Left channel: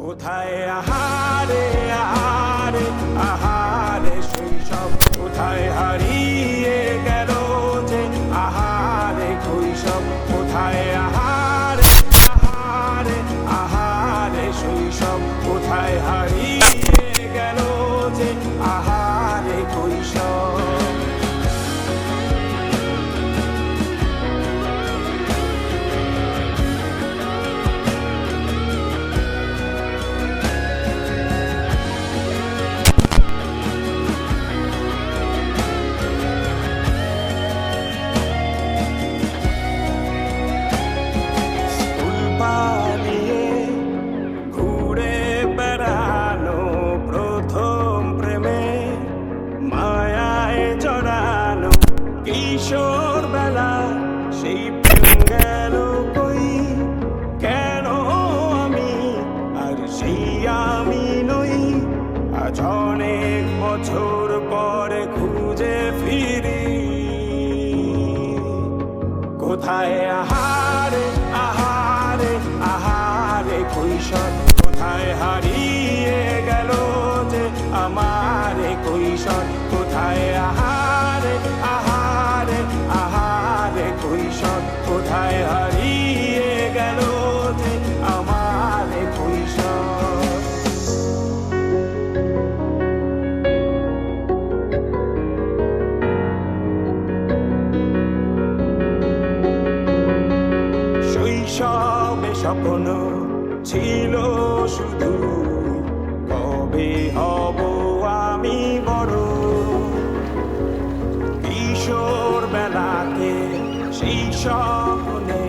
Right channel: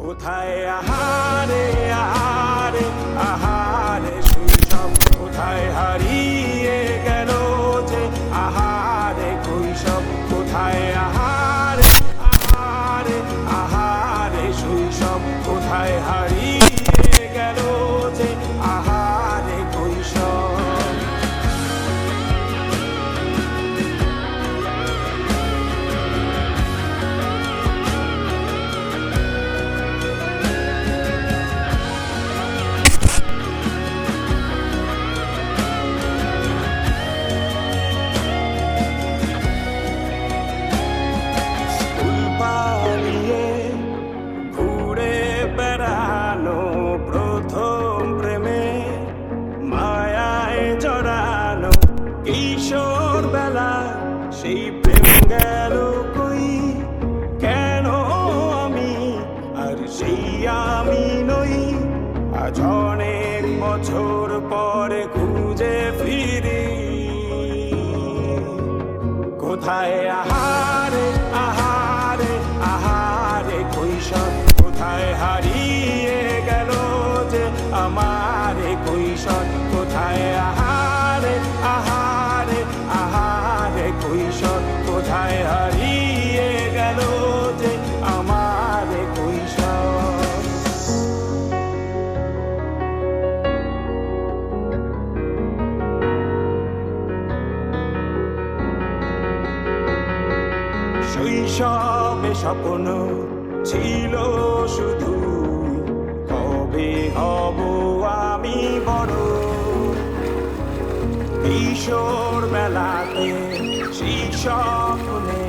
কোথায় আহারে আহারে আহারে শৈশব, কোথায় হারিয়ে গেল যে আহারে কৈশব। কোথায় আহারে আহারে আহারে শৈশব, কোথায় হারিয়ে গেল যে আহারে কৈশব। পালিয়ে ঘুরে বেড়ানো প্রথম প্রেমে মায়ায় জড়ানো কিশোর বেলা, সেই প্রেম গেল কই, কেন আমি আর সেই আমি নই। আজ অনেক বছর পরে খুঁজে ফিরি, কোথায় আহারে আহারে আহারে কৈশোর, কোথায় হারিয়ে গেল যে আমারে কৈশোর। কোথায় আহারে আহারে আহারে কৈশোর, কোথায় হারিয়ে গেল যে আমারে কৈশোর। শৈশবে স্বপ্ন ছিল শুধু, কবে হব আমি বড়। কিশোর বেলাতে সেই স্বপ্নে